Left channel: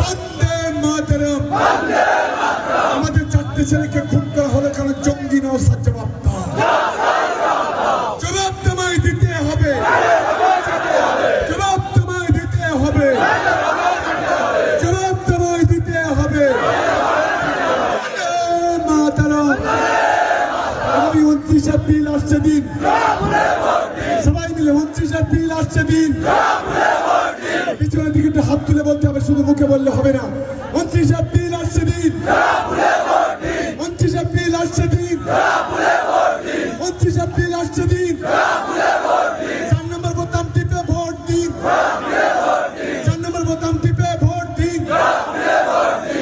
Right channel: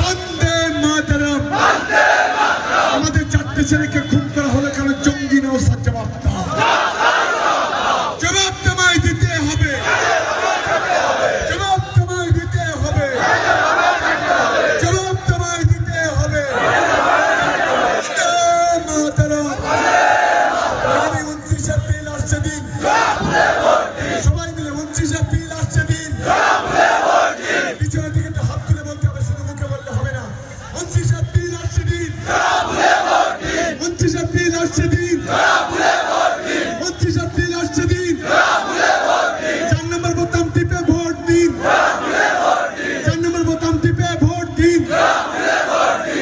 বন্দে মাতরম। আমাদের 4টে ছেলেকে খুন করা হলো কেন? জঙ্গি নওশাদ জবাব দাও। জবাব তোমায় দিতে হবে, জবাব তোমায় দিতে হবে, জবাব তোমায় দিতে হবে। মাতরম। আগামী 29 এপ্রিল আসছে দিন, সবাই মিলে 29 এপ্রিল আসছে দিন। পিছনের দিকে একটু হাত তুলে বলতে হবে, শুধু মুখে বললে হবে না। 29 এপ্রিল আসছে দিন, 29 এপ্রিল আসছে দিন, 29 এপ্রিল আসছে দিন। 4 নম্বর বোতাম টিপে ভোট দিন, 4 নম্বর বোতাম টিপে ভোট দিন।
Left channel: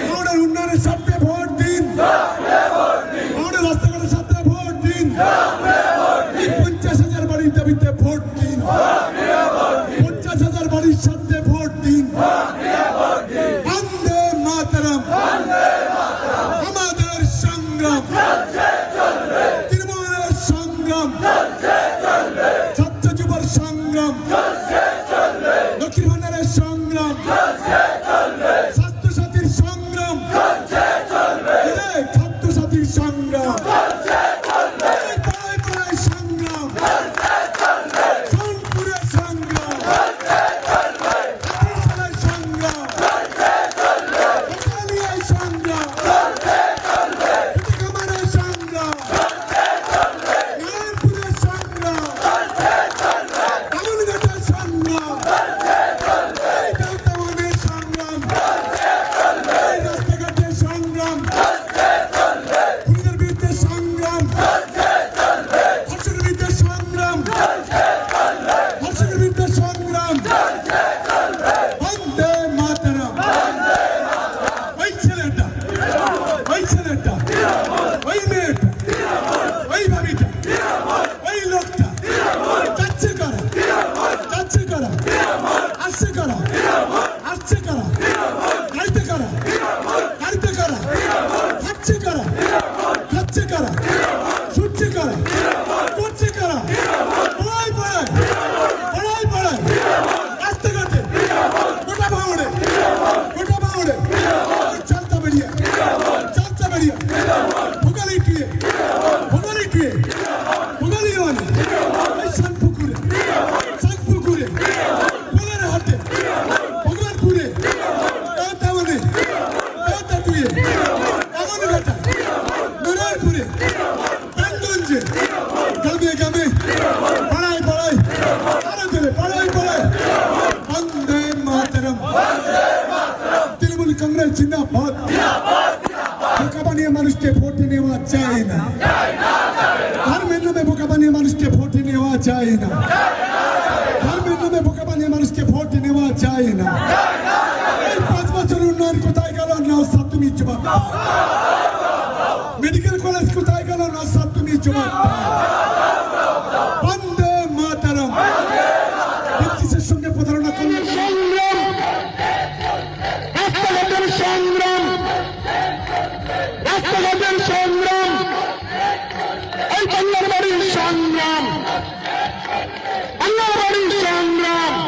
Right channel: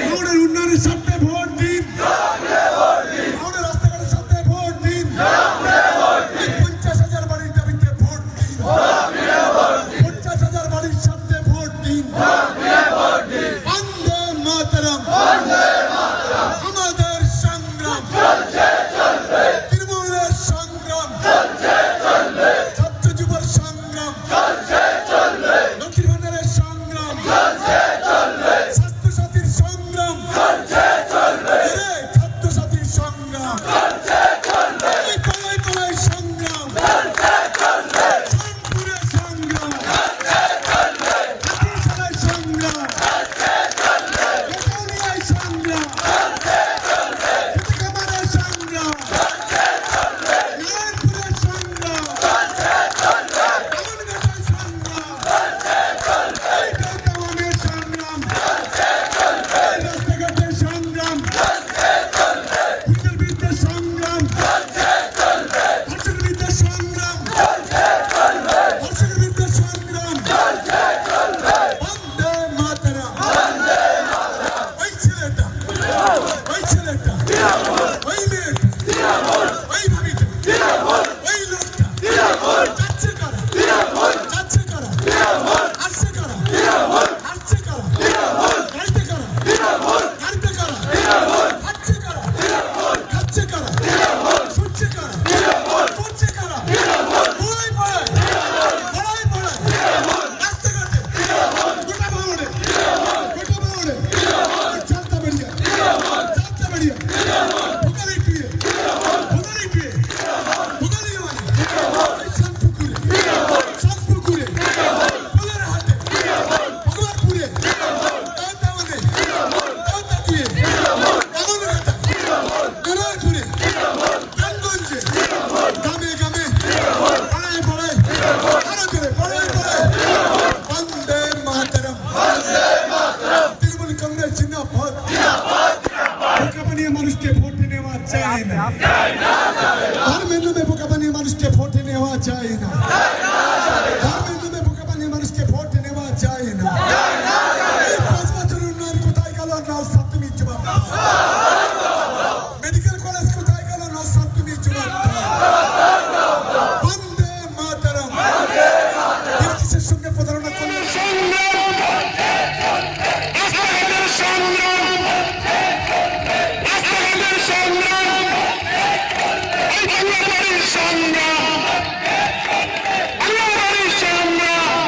আমাদের উন্নয়নের স্বার্থে ভোট দিন, আমাদের রাস্তাঘাটের স্বার্থে ভোট দিন। 50,000 বাড়ির দাবিতে ভোট দিন, 50,000 বাড়ির স্বার্থে ভোট দিন। বন্দে মাতরম। আমাদের সংগ্রাম তৃণমূলের সংগ্রাম, ছাত্র যুবর সংগ্রাম, লক্ষ্মীর ভান্ডারের সংগ্রাম, স্বাস্থ্যসাথীর সংগ্রাম, খাদ্যসাথীর সংগ্রাম, সংগ্রাম, সোনপুরের সংগ্রাম, হাতিশালার সংগ্রাম, কোটালিয়ার সংগ্রাম, চিটাগাংয়ের সংগ্রাম, লালপুরের সংগ্রাম, বালুরঘাটের সংগ্রাম, বেলগাঁওয়ের সংগ্রাম, রাস্তাঘাটের সংগ্রাম, খুনের বিরুদ্ধে সংগ্রাম, ধর্ষণের বিরুদ্ধে সংগ্রাম, ধর্ষণের বিরুদ্ধে সংগ্রাম। বন্দে মাতরম। ওই ছেলেটা, ওই ছেলেটা, ওই মেয়েটা, ওই ভাবিটা, ওই লোকটা যাচ্ছে কারা? যাচ্ছে কারা? আসছে কারা? আসছে কারা? গাড়িতে কারা? গাড়িতে কারা? খাচ্ছে কারা? খাচ্ছে কারা? ছুটছে কারা? করছে কারা? পাড়ায় পাড়ায়, পাড়ায় পাড়ায়, রাস্তাঘাটে, গোটা ভাঙড়ে, গোটা ভাঙড়ে, চালতা বেরিয়া, চালতা বেরিয়া, ভোগালি পিয়ে, ভোগালি পিয়ে, ভোগালি মানে, এই শানপুকুরে, শানপুকুরে, পোলের হাটে, ভগবানপুরে, তাওতাওয়ানে, তাওতাতুয়ে, বামনঘাটা, নারায়ণপুরে, কানগঞ্জে, গ্রামে গ্রামে, পাড়ায় পাড়ায়, আরো জোরে, পাড়ায় পাড়ায়। বন্দে মাতরম। তৃণমূল কংগ্রেস জিন্দাবাদ। বোকা বানিয়ে মানুষকে ভোট নেওয়া যায় না, ধর্মের নামে বোকা বানিয়ে মানুষকে ভোট নেওয়া যায় না, ধর্মের নামে বোকা বানিয়ে মানুষকে ভোট নেওয়া যায় না। এই 5 বছর উন্নয়ন কোথায় গেল? নওশাদ তুমি জবাব দাও। মেডিকেল কলেজ কোথায় গেল? নওশাদ তুমি জবাব দাও। বন্দে মাতরম। বিরোধীদের সঙ্গে প্রতারণা করলে সংগ্রাম, রাস্তাঘাটের সংগ্রাম, রাস্তাঘাটের সংগ্রাম, এই বাংলার বাড়ির সংগ্রাম, বাংলার বাড়ির সংগ্রাম,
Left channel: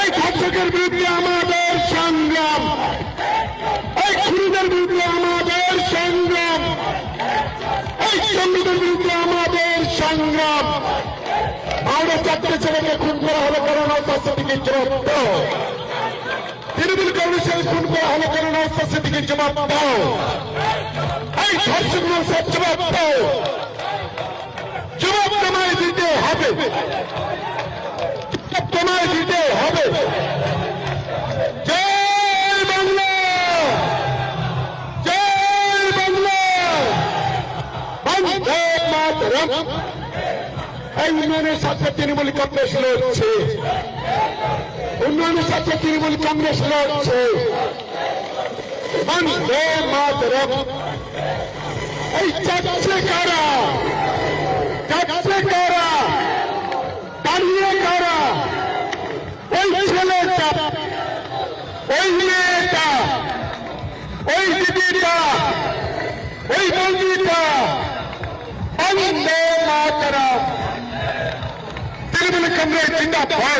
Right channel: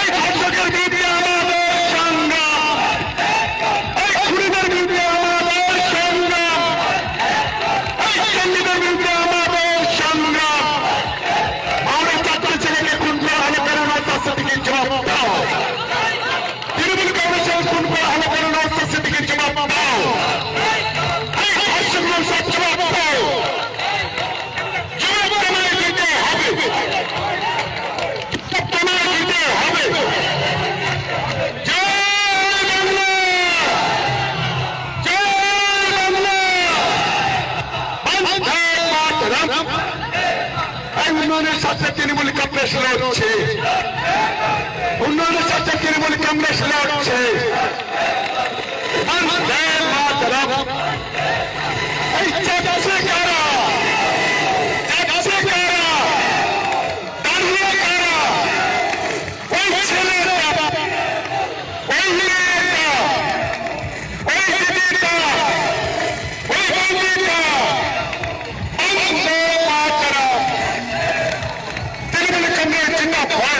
এই ধর্ষকের বিরুদ্ধে আমাদের সংগ্রাম, এই খুনিদের বিরুদ্ধে আমাদের সংগ্রাম, এই জঙ্গিদের বিরুদ্ধে আমাদের সংগ্রাম। আমাদের 4টে ছেলেকে খুন করা হলো কেন? নওশাদ সিদ্দিকীর জবাব দাও। তৃণমূল কংগ্রেসের খুন করা হলো কেন? নওশাদ সিদ্দিকীর জবাব দাও। এই ধর্ষক নওশাদ জবাব দাও। জবাব তোমায় দিতে হবে, জবাব তোমায় দিতে হবে। জয় বাংলা, জয় বাংলা, বন্দে মাতরম। এই উন্নয়নের সাথে তৃণমূল কংগ্রেস লড়ছে, উন্নয়নের সাথে তৃণমূল কংগ্রেস লড়ছে। বন্দে মাতরম। এই যাচ্ছে কারা? যাচ্ছে কারা? দাঁড়িয়ে কারা? ওই ছেলেটা, ওই মেয়েটা, ওই দিদিটা, ওই বন্ধুটা। বন্দে মাতরম। তৃণমূল কংগ্রেস জিন্দাবাদ।